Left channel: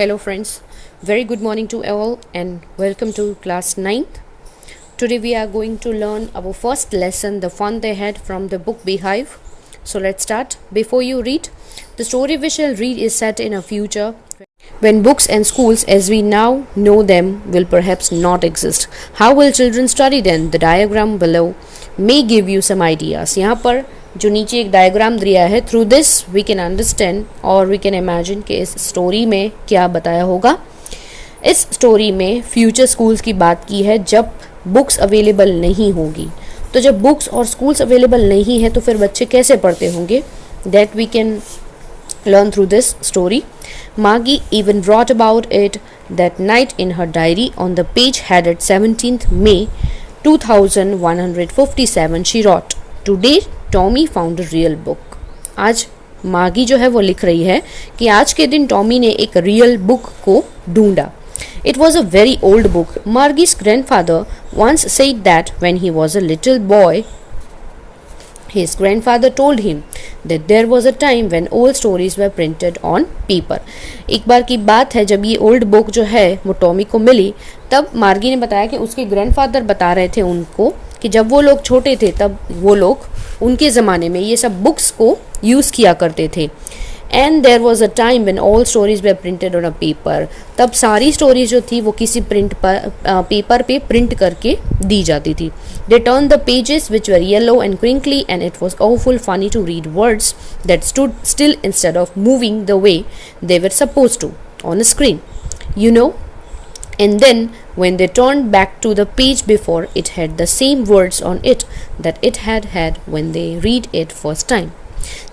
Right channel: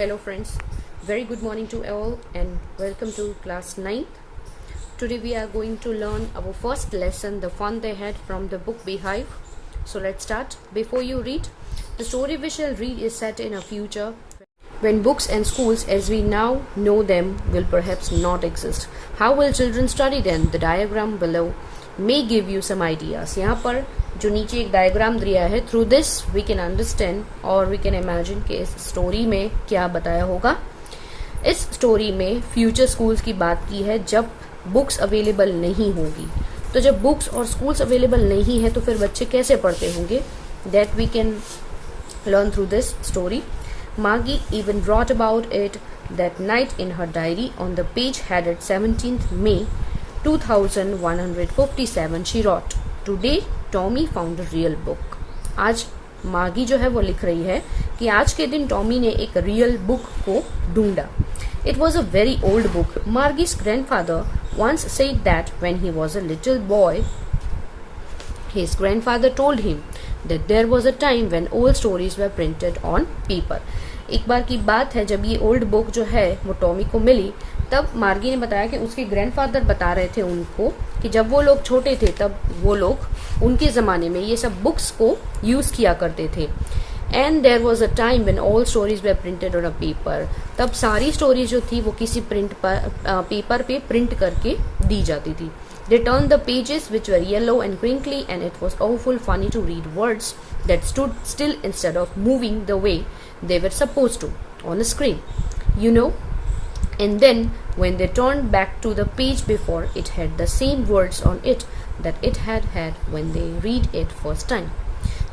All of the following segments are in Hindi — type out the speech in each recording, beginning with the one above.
Hello friends, very good morning to all and welcome to class 9th. Today we are going to learn our first lesson, the fun they had from the book Beehive. So let's start. Before you read, the story we shall read is set in a future when books and schools as we now know them will perhaps not exist. How will children study then? The diagram below may give you some ideas. यहाँ पर जो नीचे एक डायग्राम दिया है, through this we can understand और वी कैन इमेजिन कि इस स्टोरी में क्या बताया होगा. इस स्टोरी में फ्यूचर स्कूल्स की बात की है जब बुक्स अवेलेबल नहीं होगी. तो जब बुक्स और स्कूल्स अवेलेबल नहीं है तो फिर बच्चे कैसे पढ़ते होंगे, that we can learn through this story. Margie even wrote about it that night in her diary. On the page headed 17th May 2157 she wrote, "Today Tommy found a real book." आज मार्गी जो है वो लिख रही है कि आज के दिन टॉमी ने एक रियल बुक को ढूंढा. It was a very old book. Margie's grandfather once said that when he was a little boy, his grandfather told him that there was a time when old stories were printed on paper. एक बार की बात है जब ये ओल्ड बुक जो है वो टॉमी को मिली, तब मार्गी ने बताया कि उसके ग्रैंडफादर बता रहे थे उनको कि जब वो लोग छोटे थे तब वो लोग उनके ज़माने में ये सब बुक्स को यूज़ किया करते थे. And there was a time when all stories were printed on a paper. तब सारी स्टोरीज जो थी वो किसी पेपर पे प्रिंट करके दी जाती थी. They turn the pages which were yellow and crinkly and it was awful funny to read words that stood still instead of moving the way they were supposed to on a screen, you know. And then when they turned back to the page before, it had the same words on it that it had had when they read it first time.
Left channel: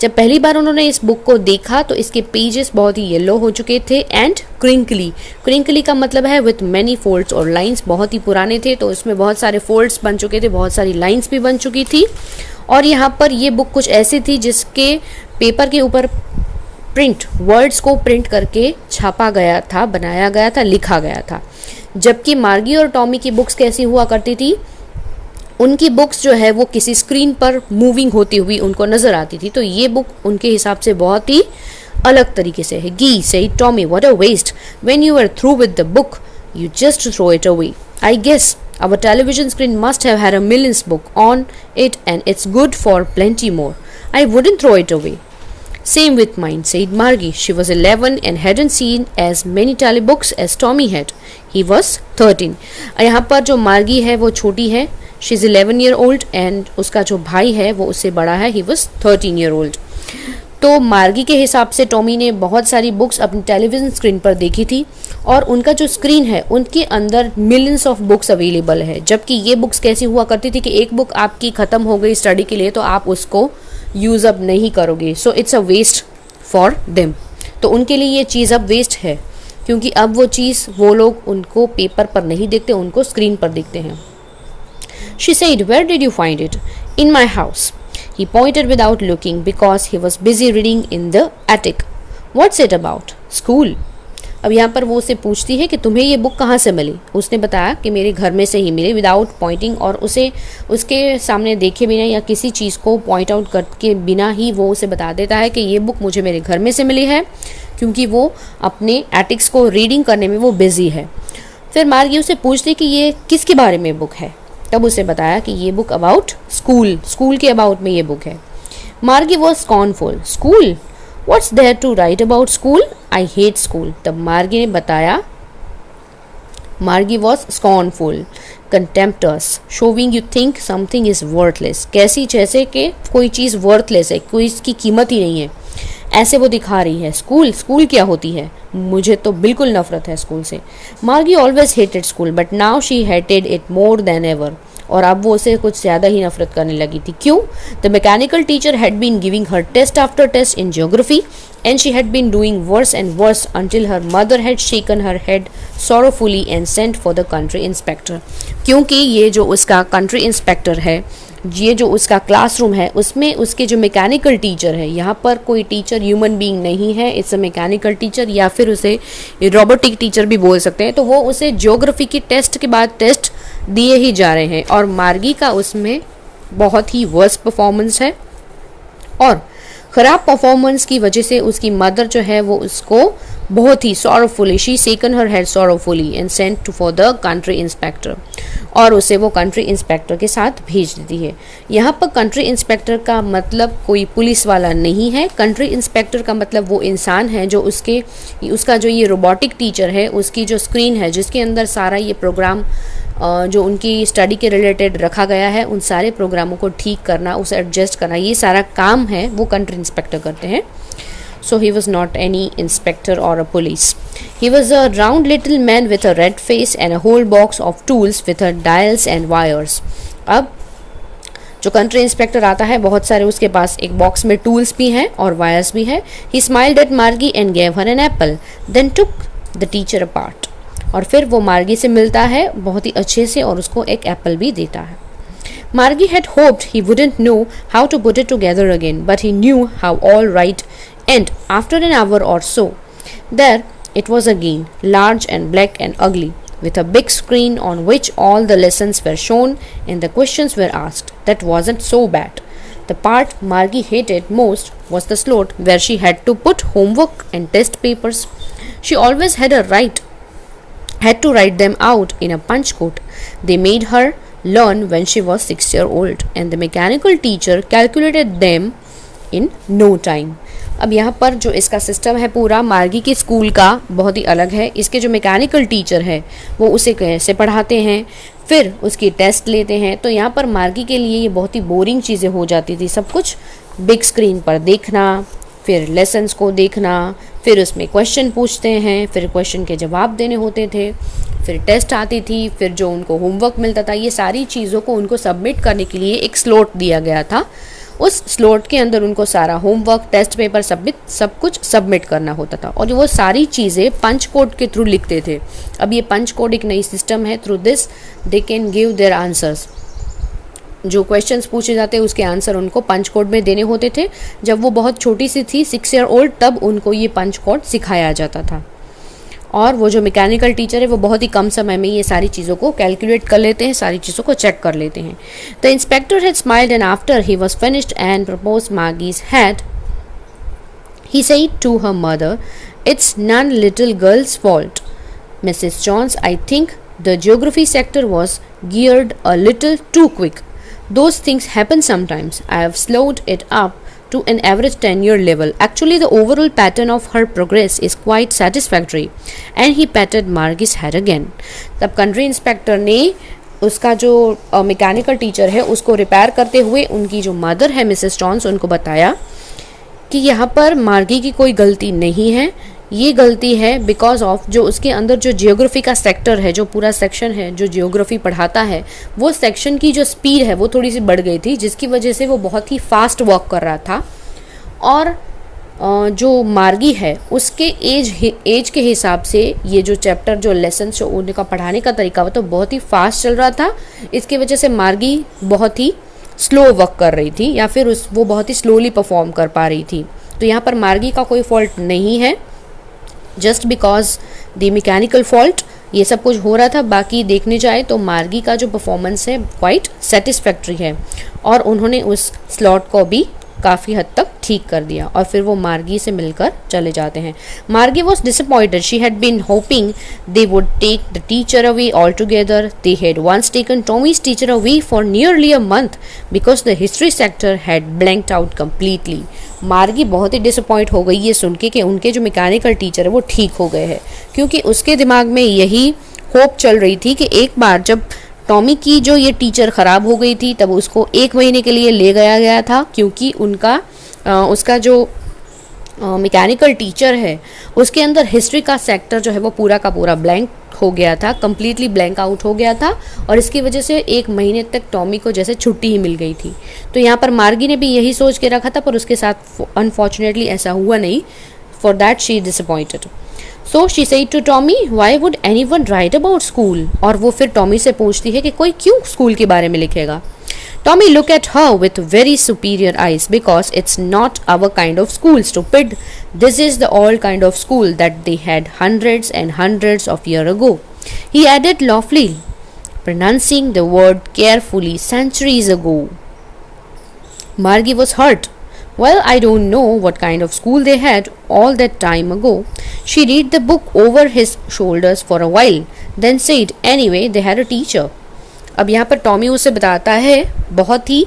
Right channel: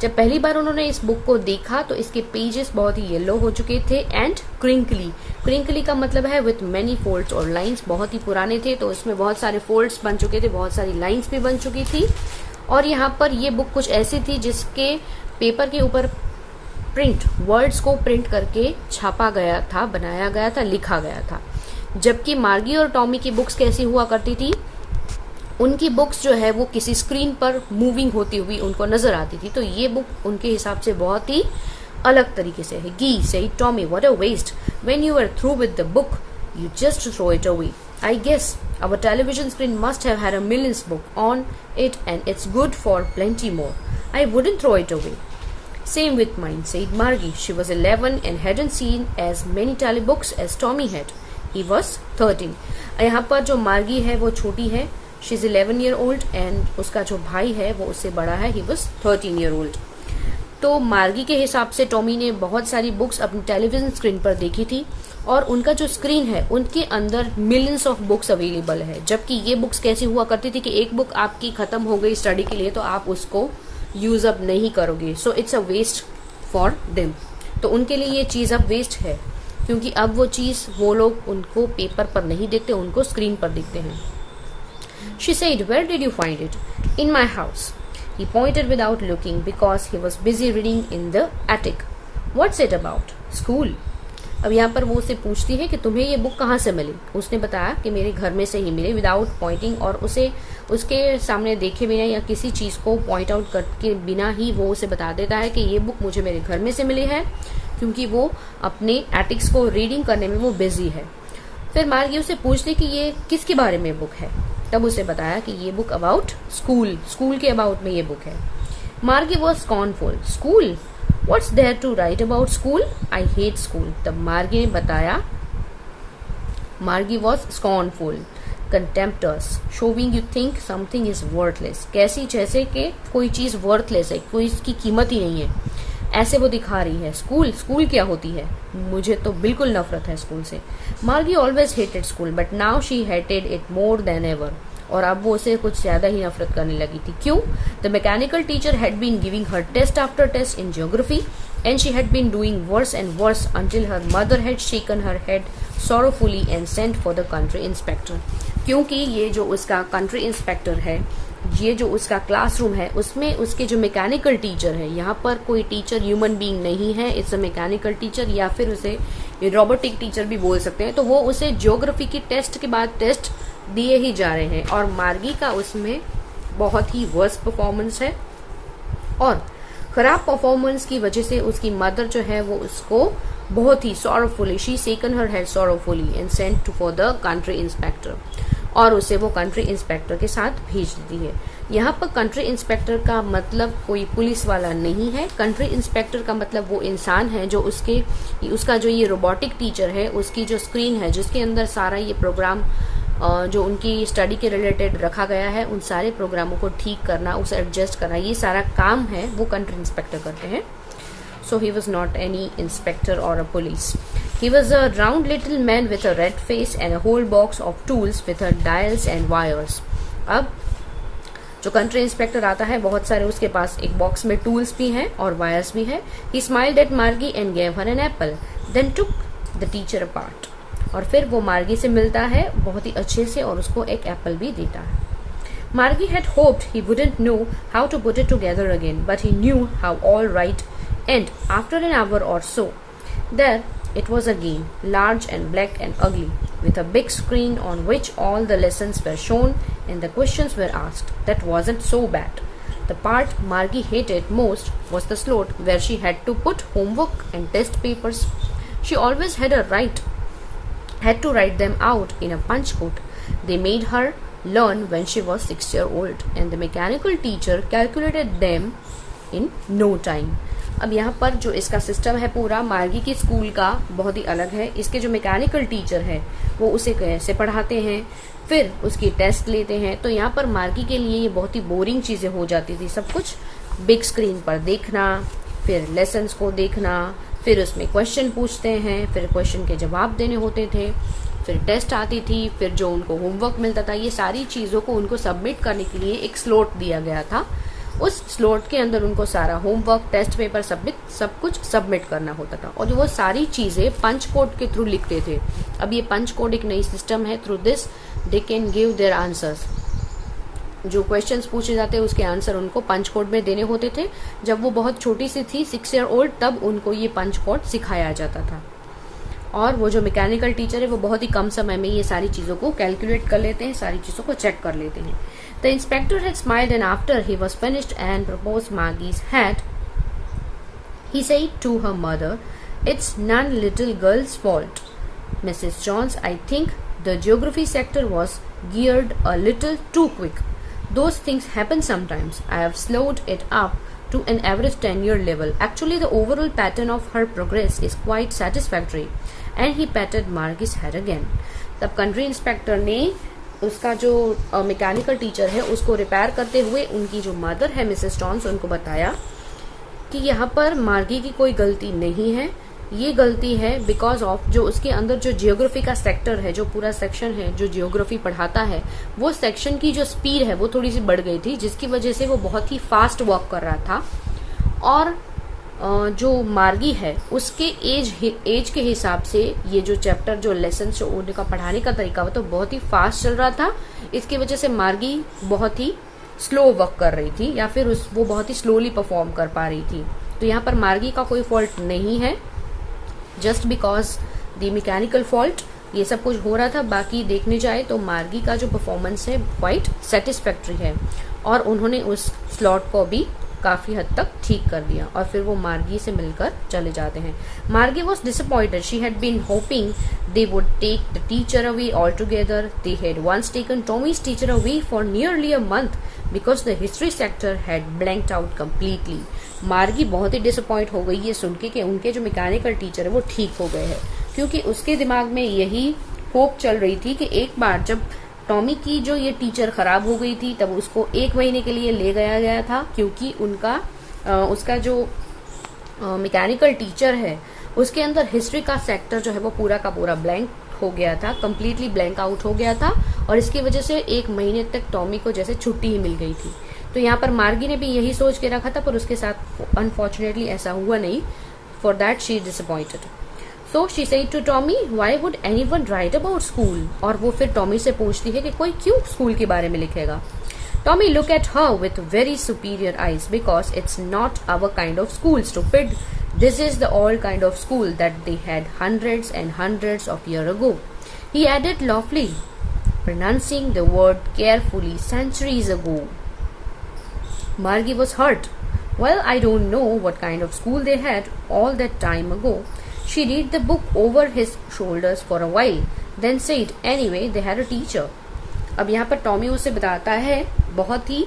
जब पहली बार उन्होंने इस बुक को देखा तो इसके पेजेस बहुत ही येलो हो चुके थे एंड क्रिंकली का मतलब है विथ मैनी फोल्ड्स, और लाइंस बहुत ही पुराने थे तो उसमें बहुत सारे फोल्ड्स बन चुके थे, बहुत सारी लाइंस भी बन चुकी थी. और यहाँ पर ये बुक कुछ ऐसी थी जिसके पेपर के ऊपर वर्ड्स को प्रिंट करके छापा गया था, बनाया गया था, लिखा गया था. जबकि मार्गी और टॉमी की बुक्स कैसी हुआ करती थी, उनकी बुक्स जो है वो किसी स्क्रीन पर मूविंग होती हुई उनको नज़र आती थी. तो ये बुक उनके हिसाब से बहुत ही अलग तरीके से है. Gee said Tommy, what a waste. When you are through with the book you just throw it away. I guess our television screen must have had a millions book on it and it's good for plenty more. I wouldn't throw it away. Same with mine, said Margie. She was 11 and hadn't seen as many telebooks as Tommy had. He was 13. यहाँ पर जो मार्गी है वो छोटी है, she is 11 year old, and उसका जो भाई है वो उससे बड़ा है, ही वॉज 13 year old. तो मार्गी के हिसाब से टॉमी ने बहुत सारी बुक्स अपनी टेलीविज़न स्क्रीन पर देखी थी और उनका जो स्क्रीन है उनके अंदर मिलियंस ऑफ बुक्स अवेलेबल है. जबकि ये बुक्स कैसी हुआ करती थी कि एक बुक आपकी ख़त्म हो गई स्टडी के लिए तो आप उसको यूज़ अप नहीं करोगे, so it's a waste for them. तो उनके लिए ये चीज़ अब वेस्ट है क्योंकि अब वो चीज़ वो लोग उनको पेपर पर नहीं देखते, उनको स्क्रीन पर देखते हैं. She said, "Where did you find it?" "In my house." He pointed without looking because he was busy reading in the attic. "What's it about?" "School." अब यहाँ पर वो उससे पूछती है कि तुम्हें ये बुक कहाँ से मिली. उसने बताया कि मेरे घर में से ही मिली, विदाउट पॉइंटिंग, और उसे उसके सामने देखे बिना या किसी चीज़ को पॉइंट आउट करके बिना ही वो उसे बता देता है कि ये बुक मुझे मेरे घर में से मिली है क्योंकि वो अपने एटिक्स को रीडिंग करने में वो बिजी है. फिर मार्गी उसे पूछती कि ये किसके बारे में बुक है. तब उसे बताया कि ये बुक अबाउट स्कूल के अबाउट में ये बुक है. Margie was scornful. School, what's there to write about school? I hate school. तब मार्गी ने बताया, Margie was scornful, contemptuous, showing you think something is worthless. कैसी, जैसे कि कोई चीज़ वर्थलेस है, कोई इसकी कीमत ही नहीं है, ऐसे वो दिखा रही है. स्कूल क्या होती है? मुझे तो बिल्कुल नफरत है स्कूल से. मार्गी always hated school but now she hated it more than ever. और अब वो उसे कुछ ज़्यादा ही नफरत करने लगी थी. क्यों? The mechanical teacher had been giving her test after test in geography and she had been doing worse and worse until her mother had shaken her head sorrowfully and sent for the country inspector. क्योंकि ये जो उसका कंट्री इंस्पेक्टर है, ये जो उसका क्लासरूम है, उसमें उसके जो मैकेनिकल टीचर है, यहाँ पर कोई टीचर ह्यूमन बीइंग नहीं है, इट्स अ मैकेनिकल टीचर या फिर उसे रोबोटिक टीचर भी बोल सकते हैं. तो वो उसे ज्योग्राफी की टेस्ट के बाद टेस्ट दिए ही जा रहे हैं और मार्गी का उसमें बहुत ही वर्स्ट परफॉर्मेंस है और ख़राब परफॉर्मेंस की वजह से उसकी मदर जो है वो उसको बहुत ही sorrowfully, she shook her head sorrowfully and sent to for the country inspector, और उसे वो कंट्री इंस्पेक्टर के साथ भेज देती है। यहाँ पर कंट्री इंस्पेक्टर का मतलब कोई पुलिस वाला नहीं है। कंट्री इंस्पेक्टर का मतलब वो इंसान है जो उसका जो ये रोबोटिक टीचर है, उसकी जो स्क्रीन है जिसके अंदर सारा ये प्रोग्राम जो उनकी स्टडी के रिलेटेड रखा गया है, उन सारे प्रोग्रामों को ठीक करना, उसे एडजस्ट करना, ये सारा काम है वो कंट्री इंस्पेक्टर करते हैं। So he was not any inspector or a police. He was a round little man with a red face and a whole box of tools with her dials and wires. अब जो कंट्री इंस्पेक्टर आता है, बहुत सारे उसके पास एक बॉक्स में टूल्स भी हैं और वायर्स भी है। He smiled at Margie and gave her an apple, then took the teacher apart. और फिर वो मार्गी से मिलता है बहुत ही अच्छे से और उसको एक एप्पल भी देता है। Margie had hoped he wouldn't know how to put it together again, but he knew how all right. And after an hour or so, there it was again, large and black and ugly, with a big screen on which all the lessons were shown and the questions were asked. That wasn't so bad. The part Margie hated most was the slot where she had to put homework and test papers. She always had to write them out in a punch code. They made her learn when she was 6 years old, and the mechanical teacher calculated them in no time. अब यहाँ पर जो इसका सिस्टम है पूरा मार्गी के स्कूल का बहुत ही अलग है। इसके जो मैकेनिकल टीचर है वो उसे कैसे पढ़ाते हैं, फिर उसकी टेस्ट लेते हैं। तो यहाँ पर मार्गी के लिए ये बहुत ही बोरिंग चीज़ें हो जाती थी। सब कुछ बिग स्क्रीन पर देखना, फिर लेसन्स को देखना, फिर उसमें क्वेश्चन पूछते हैं, फिर क्वेश्चन के जवाब देने होते थे, फिर टेस्ट आती थी, फिर जो उनको होमवर्क मिलता था, ये सारी चीज़ों को उनको सबमिट करने के लिए एक स्लॉट दिया गया था। उस स्लॉट के अंदर उनको सारा होमवर्क, टेस्ट पेपर सब कुछ सबमिट करना होता था और वो सारी चीज़ें पंच कोड के थ्रू लिखते थे। अब ये पंच कोड एक नई सिस्टम है, through this they can give their answers. जो क्वेश्चंस पूछे जाते उसके आंसर उनको पंच कोड में देने होते थे। जब वो बहुत छोटी सी थी, 6 ईयर ओल्ड, तब उनको ये पंच कोड सिखाया जाता था। और वो जो मैकेनिकल टीचर है वो बहुत ही कम समय में ये सारी चीज़ों को कैलकुलेट कर लेते हैं, सारी चीज़ों को चेक कर लेते हैं। The inspector had smiled and after he was finished and propose Margie's had he said to her mother, "It's none little girl's fault. Mrs. Jones, I think the geography sector was geared a little too quick. Those things happen sometimes. I have slowed it up to an average 10-year level. Actually, the overall pattern of her progress is quite satisfactory." And he patted Margie's head again. तब कंट्री इंस्पेक्टर ने उसका जो मैकेनिकल टीचर है उसको रिपेयर करते हुए उनकी जो मदर है मिसेस जॉन्स, उनको बताया कि यहाँ पर मार्गी की कोई गलती नहीं है, ये गलती है बिकॉज ऑफ जो उसके अंदर जो जियोग्राफी का सेक्टर है, जो पूरा सेक्शन है जो जियोग्राफी पढ़ाता है, वो सेक्शन की जो स्पीड है वो थोड़ी सी बढ़ गई थी, जिसकी वजह से वो बहुत ही फास्ट वर्क कर रहा था। और जो मार्गी है उसके एज के हिसाब से ये जो चैप्टर, जो लेसन, जो उनका पढ़ाने का तरीका वो तो बहुत ही फास्ट चल रहा था। इसकी वजह से मार्गी बहुत ही स्लो वर्क कर रही थी, या फिर वो बहुत ही स्लोली परफॉर्म कर पा रही थी। तो यहाँ पर मार्गी का कोई फॉल्ट नहीं है, just because the mechanical fault ये सब कुछ हो रहा था। बाकी देखने जाए तो मार्गी का जो परफॉर्मेंस है क्वाइट सेटिस्फैक्ट्री है और उन्होंने उस स्लॉट को भी काफ़ी हद तक ठीक कर दिया और फिर वो मार्गी से मिलकर चले जाते हैं। Margie was disappointed, she had been hoping they would take the teacher away altogether. They had once taken Tommy's teacher away for nearly a month because the history sector had blanked out completely. Margie बहुत ही डिसअपॉइंट हो गई ये सुन के कि उनके जो मैकेनिकल टीचर है वो ठीक हो गए हैं, क्योंकि उसके दिमाग में यही होप चल रही थी कि एक बार जब टॉमी की जो ये टीचर ख़राब हो गई थी तब उसको 1 महीने के लिए ले गया था, क्योंकि उसका जो मैकेनिकल टीचर है उसके अंदर हिस्ट्री का सेक्टर जो है वो पूरा का पूरा ब्लैंक हो गया था, कम्प्लीटली ब्लैंक आउट हो गया था और इसकी वजह से 1 महीने तक टॉमी को जैसे छुट्टी ही मिल गई थी। तो यहाँ पर मार्गी ने भी यही सोच के रखा था, पर उसके साथ अनफॉर्चुनेटली ऐसा हुआ नहीं। For that she disappointed. So she said to Tommy, why would anyone write about school? और वो फिर टॉमी से पूछती है कि कोई क्यों स्कूल के बारे में लिखेगा। Tommy looked at her with very superior eyes because it's not our kind of school, stupid. This is the old kind of school that they had hundreds and hundreds of years ago. He added loftily, pronouncing the word carefully, centuries ago. Margie was hurt. Well, I don't know what kind of school they had all that time ago. She read the book over his shoulders for a while, then said, anyway, they had a teacher. अब यहाँ पर टॉमी उसे बताता है बहुत ही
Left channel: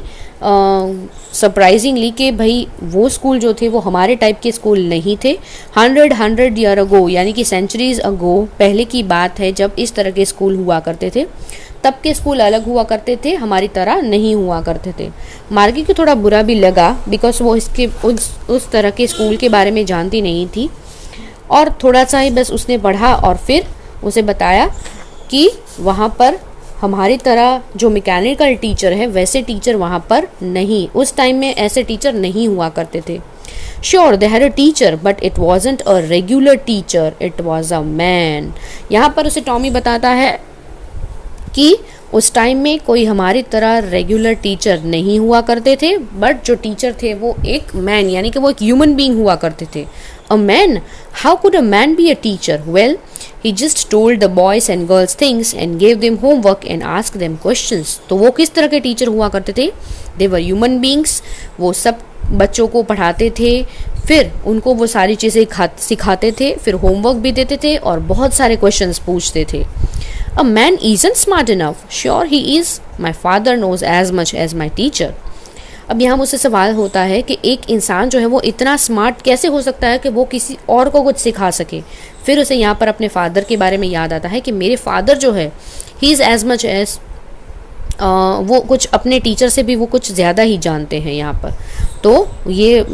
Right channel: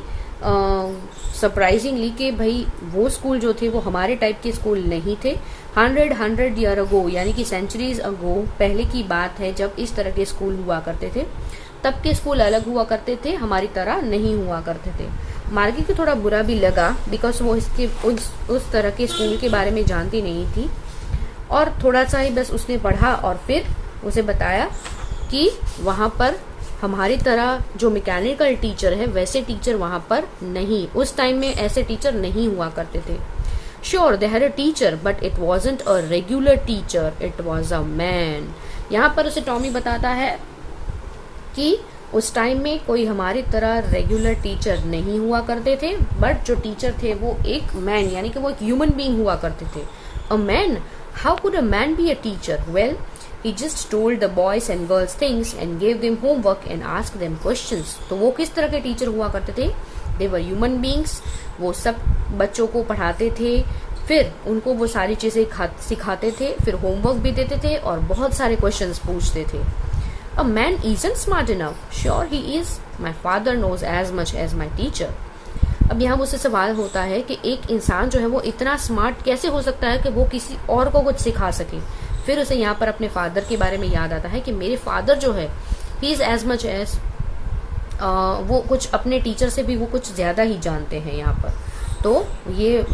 सरप्राइजिंगली कि भाई वो स्कूल जो थे वो हमारे टाइप के स्कूल नहीं थे. 100 ईयर अगो यानी कि सेंचुरीज अगो पहले की बात है जब इस तरह के स्कूल हुआ करते थे. तब के स्कूल अलग हुआ करते थे, हमारी तरह नहीं हुआ करते थे. मार्गी को थोड़ा बुरा भी लगा बिकॉज वो इसके उस तरह के स्कूल के बारे में जानती नहीं थी और थोड़ा सा ही बस उसने पढ़ा और फिर उसे बताया कि वहाँ पर हमारी तरह जो मैकेनिकल टीचर है वैसे टीचर वहाँ पर नहीं, उस टाइम में ऐसे टीचर नहीं हुआ करते थे. Sure they had a teacher but it wasn't a regular teacher, it was a man. यहाँ पर उसे टॉमी बताता है कि उस टाइम में कोई हमारी तरह रेगुलर टीचर नहीं हुआ करते थे, बट जो टीचर थे वो एक मैन यानी कि वो एक ह्यूमन बीइंग हुआ करते थे. A man? How could a man be a teacher? Well, he just told the boys and girls things and gave them homework and asked them questions. तो वो किस तरह के टीचर हुआ करते थे? They were human beings. वो सब बच्चों को पढ़ाते थे, फिर उनको वो सारी चीज़ें सिखाते थे, फिर होमवर्क भी देते थे और बहुत सारे क्वेश्चंस पूछते थे. A man isn't smart enough. Sure he is. My father knows as much as my teacher. अब यहाँ मुझसे सवाल होता है कि एक इंसान जो है वो इतना स्मार्ट कैसे हो सकता है कि वो किसी और को कुछ सिखा सके. फिर उसे यहाँ पर अपने फादर के बारे में याद आता है कि मेरे फादर जो है he is as much as, वो कुछ अपने टीचर से भी वो कुछ ज़्यादा ही जानते हैं यहाँ पर. तो ये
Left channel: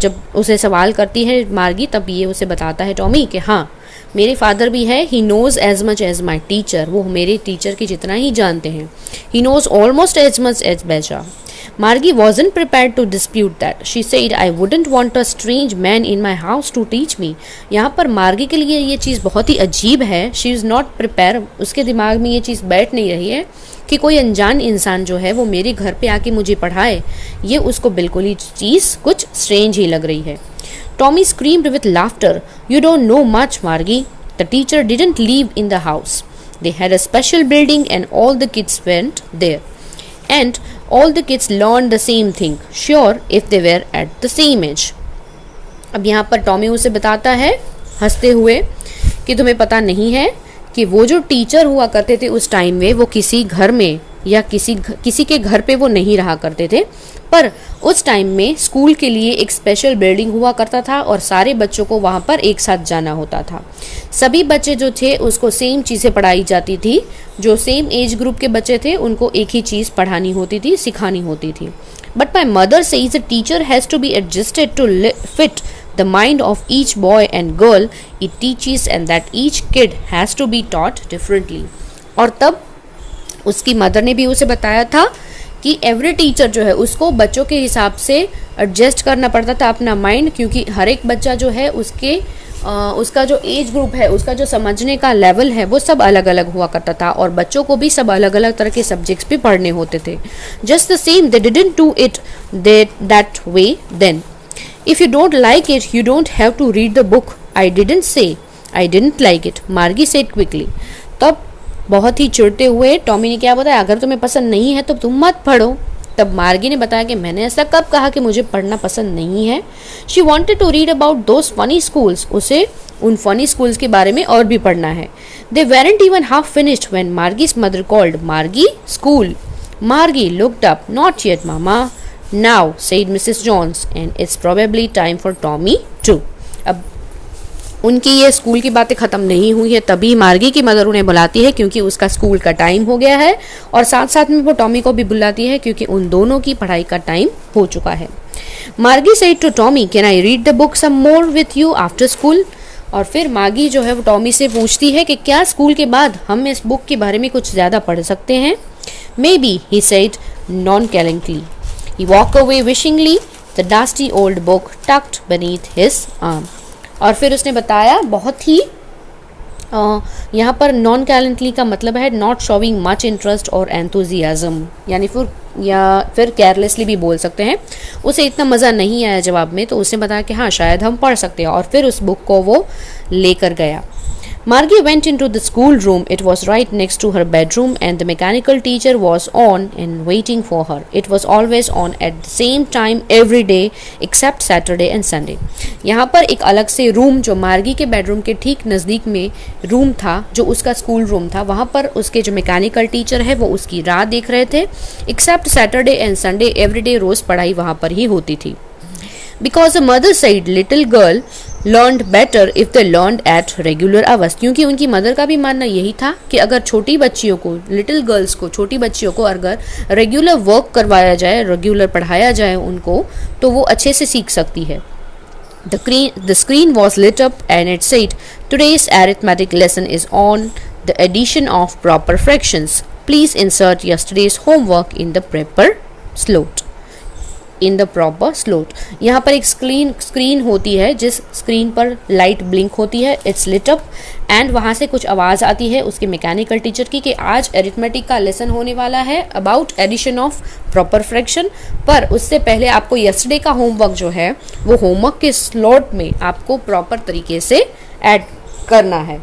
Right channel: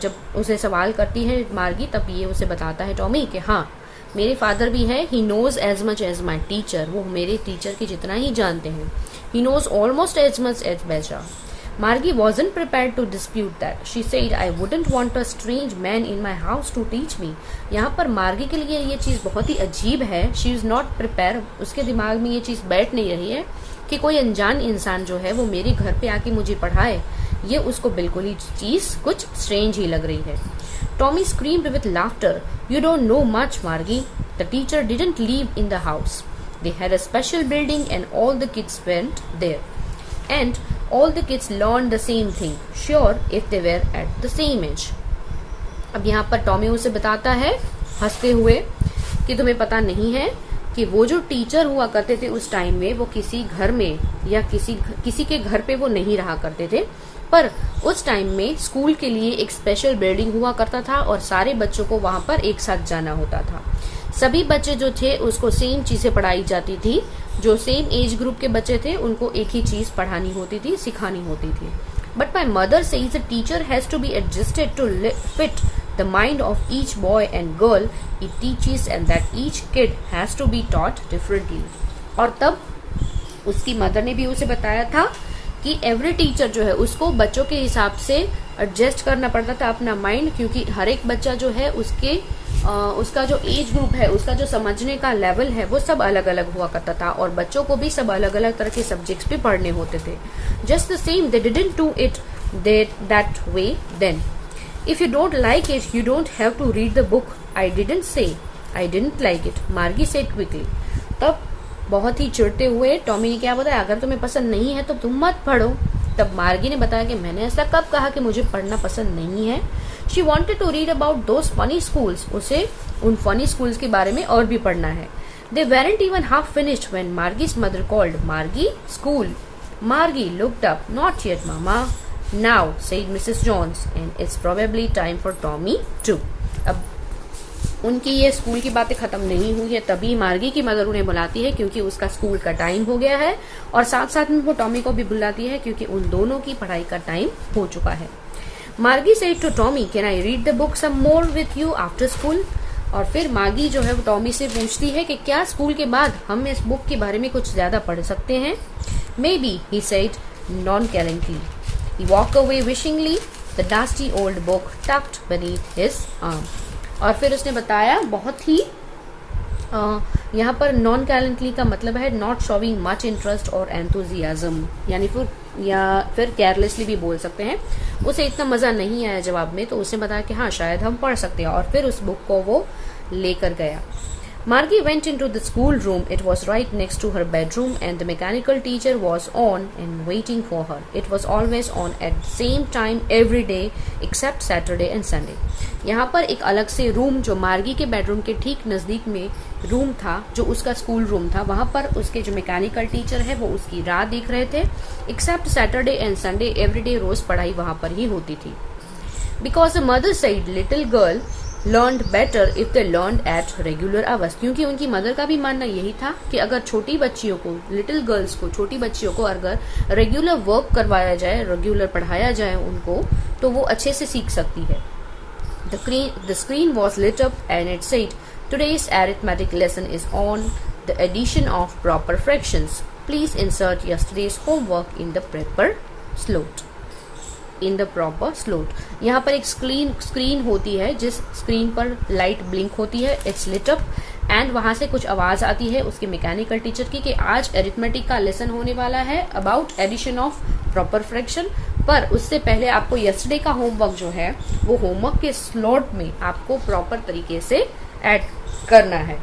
जब उसे सवाल करती है मार्गी तब ये उसे बताता है टॉमी कि हाँ मेरे फादर भी है, he knows as much as my teacher, वो मेरे टीचर की जितना ही जानते हैं. He knows almost as much as बेजा. Margie wasn't prepared to dispute that. She said, I wouldn't want a strange man in my house to teach me. यहाँ पर मार्गी के लिए ये चीज़ बहुत ही अजीब है. She is not prepared. उसके दिमाग में ये चीज़ बैठ नहीं रही है कि कोई अनजान इंसान जो है वो मेरे घर पे आके मुझे पढ़ाए. ये उसको बिल्कुल ही चीज़ कुछ स्ट्रेंज ही लग रही है. Tommy screamed with laughter. You don't know much, Margie. The teacher didn't live in the house. They had a special building and all the kids went there. And all the kids learned the same thing, sure if they were at the same age. अब यहाँ पर टॉमी उसे बताता है हंसते हुए कि तुम्हें पता नहीं है कि वो जो टीचर हुआ करते थे उस टाइम में वो किसी घर में या किसी के घर पे वो नहीं रहा करते थे, पर उस टाइम में स्कूल के लिए एक स्पेशल बिल्डिंग हुआ करता था और सारे बच्चों को वहाँ पर एक साथ जाना होता था. सभी बच्चे जो थे उसको सेम चीज़ें पढ़ाई जाती थी, जो सेम एज ग्रुप के बच्चे थे उनको एक ही चीज़ पढ़ानी होती थी, सिखानी होती थी. But my mother says a teacher has to be adjusted to fit the mind of each boy and girl it teaches and that each kid has to be taught differently. और तब उसकी मदर ने भी उसे बताया था कि एवरी टीचर जो है उसको बच्चों के हिसाब से एडजस्ट करना पड़ता था अपना माइंड, क्योंकि हर एक बच्चा जो है उसका जो एज ग्रुप है, उसका जो समझने का लेवल है वो सब अलग अलग हुआ करता था और बच्चों को भी सब अलग अलग तरह के सब्जेक्ट्स भी पढ़ने होते थे. Just the same they didn't do it that way then. If you don't like it, you don't have to read the book. I didn't say I didn't like it. Margie said quickly. तब बहुत ही चिढ़ते हुए टॉमी ने क्या बताया, अगर तुम्हें पसंद नहीं है तो तुम मत पढ़ो. तब मार्गी ने बताया कि मैंने ऐसा कब कहा कि मुझे पढ़ना पसंद नहीं है. She wanted to read about those funny schools. उसे उन funny schools के बारे में और भी पढ़ना है. They weren't even half finished when Margie's mother called. Margie, school. Margie looked up. Not yet, Mama. Now, said Mrs. Jones, and it's probably time for Tommy too. अब उनकी ये स्कूल की बातें ख़त्म नहीं हुई है तभी मार्गी की मदर उन्हें बुलाती है क्योंकि उसका स्कूल का टाइम हो गया है और साथ साथ में वो टॉमी को भी बुलाती है क्योंकि उन दोनों की पढ़ाई का टाइम हो चुका है. मार्गी said to Tommy, can I read the book some more with you after school? और फिर मार्गी जो है वो टॉमी से पूछती है कि क्या स्कूल के बाद हम इस बुक के बारे में कुछ ज़्यादा पढ़ सकते हैं. Maybe, he said nonchalantly. He walked away wishingly, the dusty old book tucked beneath his arm. और फिर उसने बताया बहुत ही यहाँ पर नॉन कैलेंटली का मतलब है नॉट शोविंग मच इंटरेस्ट और एंथुजियाज्म, यानी फिर केयरलेसली भी बोल सकते हैं. उसे इतना मज़ा नहीं आया जवाब में तो उसने बताया कि हाँ शायद हम पढ़ सकते हैं और फिर उस बुक को वो लेकर गया. Margie went into the schoolroom. It was right next to her bedroom, and the mechanical teacher was on and waiting for her. It was always on at the same time every day except Saturday and Sunday. यहाँ पर एक अलग से रूम जो मार्गी के बेडरूम के ठीक नज़दीक में रूम था, जो उसका स्कूल रूम था, वहाँ पर उसके जो मैकेनिकल टीचर है वो उसकी राह देख रहे थे. Except Saturday and Sunday everyday रोज़ पढ़ाई वहाँ पर ही होती थी. Because the mother said little girl learned better if they learned at regular hours. क्योंकि उनकी मदर का भी मानना यही था कि अगर छोटी बच्चियों को, लिटिल गर्ल्स को, छोटी बच्चियों को अगर रेगुलर वर्क करवाया जाए, रेगुलर पढ़ाया जाए उनको, तो वो अच्छे से सीख सकती है. The screen was lit up and it said, "Today's arithmetic lesson is on the addition of proper fractions. Please insert yesterday's homework in the proper slot." In the proper slot. यहाँ पर एक स्क्रीन होती है जिस स्क्रीन पर लाइट ब्लिंक होती है. इट्स लिट अप एंड वहाँ से कुछ आवाज़ आती है उसके मैकेनिकल टीचर की कि आज एरिथमेटिक का लेसन होने वाला है about addition of proper fraction. पर उससे पहले आपको यस्टरडे का होमवर्क जो है वो होमवर्क के स्लॉट में आपको प्रॉपर तरीके से ऐड करना है.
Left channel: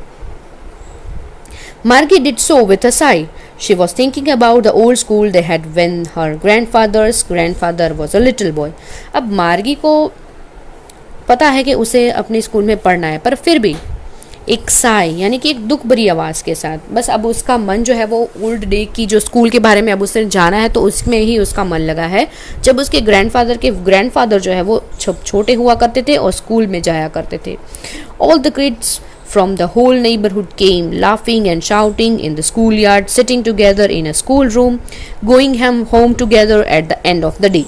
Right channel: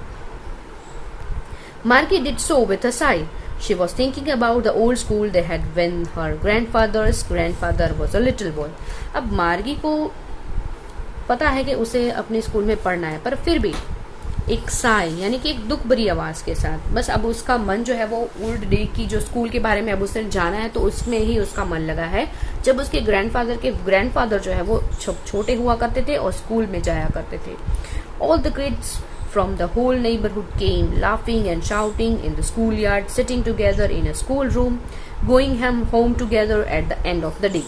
Margie did so with a sigh. She was thinking about the old school they had when her grandfather's grandfather was a little boy. अब मार्गी को पता है कि उसे अपने स्कूल में पढ़ना है, पर फिर भी एक साई यानी कि एक दुख भरी आवाज़ के साथ बस अब उसका मन जो है वो ओल्ड डे की जो स्कूल के बारे में अब उसने जाना है तो उसमें ही उसका मन लगा है जब उसके ग्रैंडफादर जो है वो छोटे हुआ करते थे और स्कूल में जाया करते थे. All the kids from the whole neighborhood came, laughing and shouting in the schoolyard, sitting together in a schoolroom, going home together at the end of the day.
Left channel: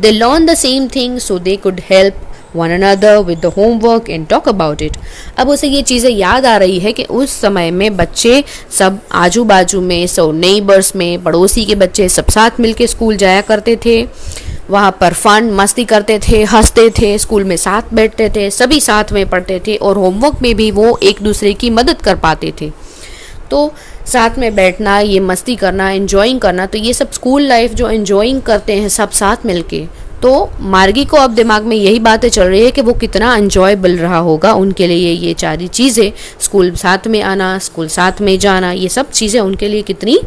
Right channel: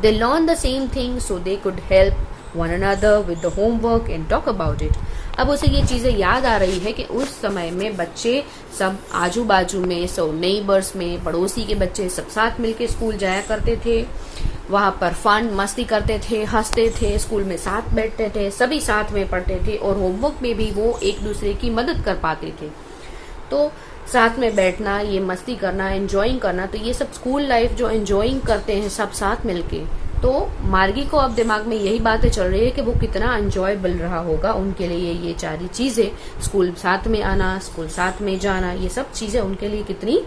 They learned the same thing so they could help one another with the homework and talk about it. अब उसे ये चीज़ें याद आ रही है कि उस समय में बच्चे सब आजू बाजू में, नेबर्स में, पड़ोसी के बच्चे सब साथ मिलके स्कूल जाया करते थे. वहाँ पर फन मस्ती करते थे, हंसते थे, स्कूल में साथ बैठते थे, सभी साथ में पढ़ते थे और होमवर्क में भी वो एक दूसरे की मदद कर पाते थे. तो साथ में बैठना, ये मस्ती करना, एंजॉइंग करना, तो ये सब स्कूल लाइफ जो एंजॉइंग करते हैं सब साथ मिलके, तो मार्गी को अब दिमाग में यही बातें चल रही है कि वो कितना एंजॉयबल रहा होगा उनके लिए ये सारी चीज़ें, स्कूल साथ में आना, स्कूल साथ में जाना, ये सब चीज़ें उनके लिए कितनी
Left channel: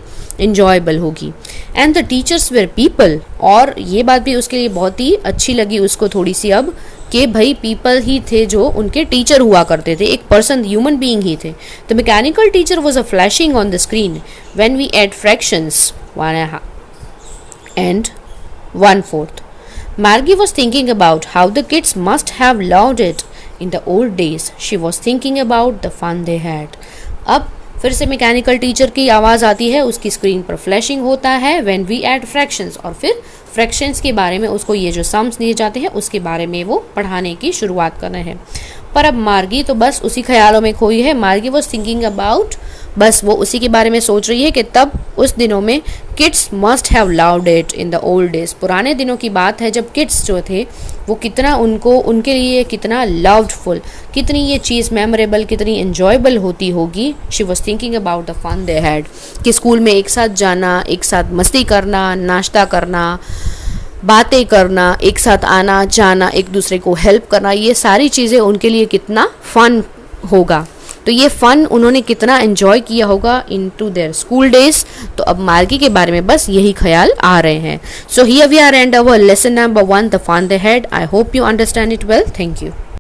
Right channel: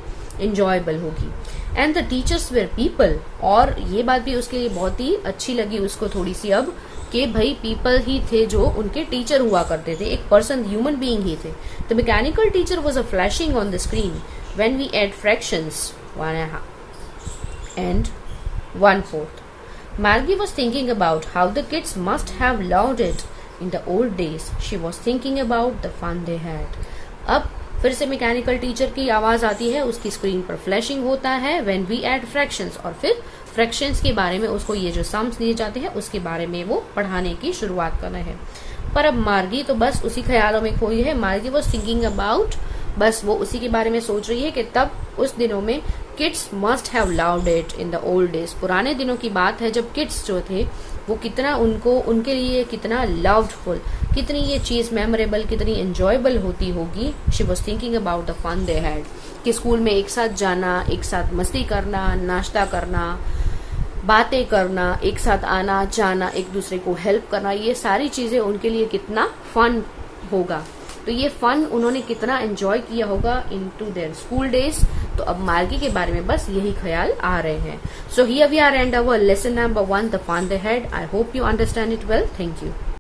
enjoyable होगी. And the teachers were people, और ये बात भी उसके लिए बहुत ही अच्छी लगी उसको थोड़ी सी अब कि भाई पीपल ही थे जो उनके टीचर हुआ करते थे, एक पर्सन, ह्यूमन बीइंग ही थे. The mechanical teacher was a flashing on the screen when we add fractions and 1/4. Margie was thinking about how the kids must have loved it in the old days. She was thinking about the fun they had. अब फिर से मैकेनिकल टीचर की आवाज़ आती है, उसकी स्क्रीन पर फ्लैशिंग होता है व्हेन वी ऐड फ्रैक्शंस, और फिर फ्रैक्शंस के बारे में उसको ये जो सम्स दिए जाते हैं उसके बारे में वो पढ़ाने की शुरुआत कर रहे हैं. पर अब मार्गी तो बस उसी ख्यालों में खोई है. मार्गी वॉज थिंकिंग अबाउट, बस वो उसी के बारे में सोच रही है कि तब उस दिनों में kids must have loved it in the old days. पुराने दिनों की बात है जब किड्स जो थे वो कितना उनके लिए कितना लव्डफुल, कितनी ये चीज़ मेमोरेबल, कितनी एन्जॉयबल होती होगी. She was thinking about the fun they had, कि स्कूल में एक साथ जाना, एक साथ मस्ती करना, नाश्ता करना, बातें करना, एक साथ आना जाना, एक दूसरे को हेल्प करना, ये सारी चीज़ें उनके लिए कितना फ़न होगा. तो ये फ़न उन्होंने कितना एंजॉय किया होगा इन टू देयर स्कूल डेज. तो अब मार्गी के बारे में बस यही ख्याल आ रहे हैं. So here we are and our lesson number 1, the fun they had. I hope you understand it well. Thank you.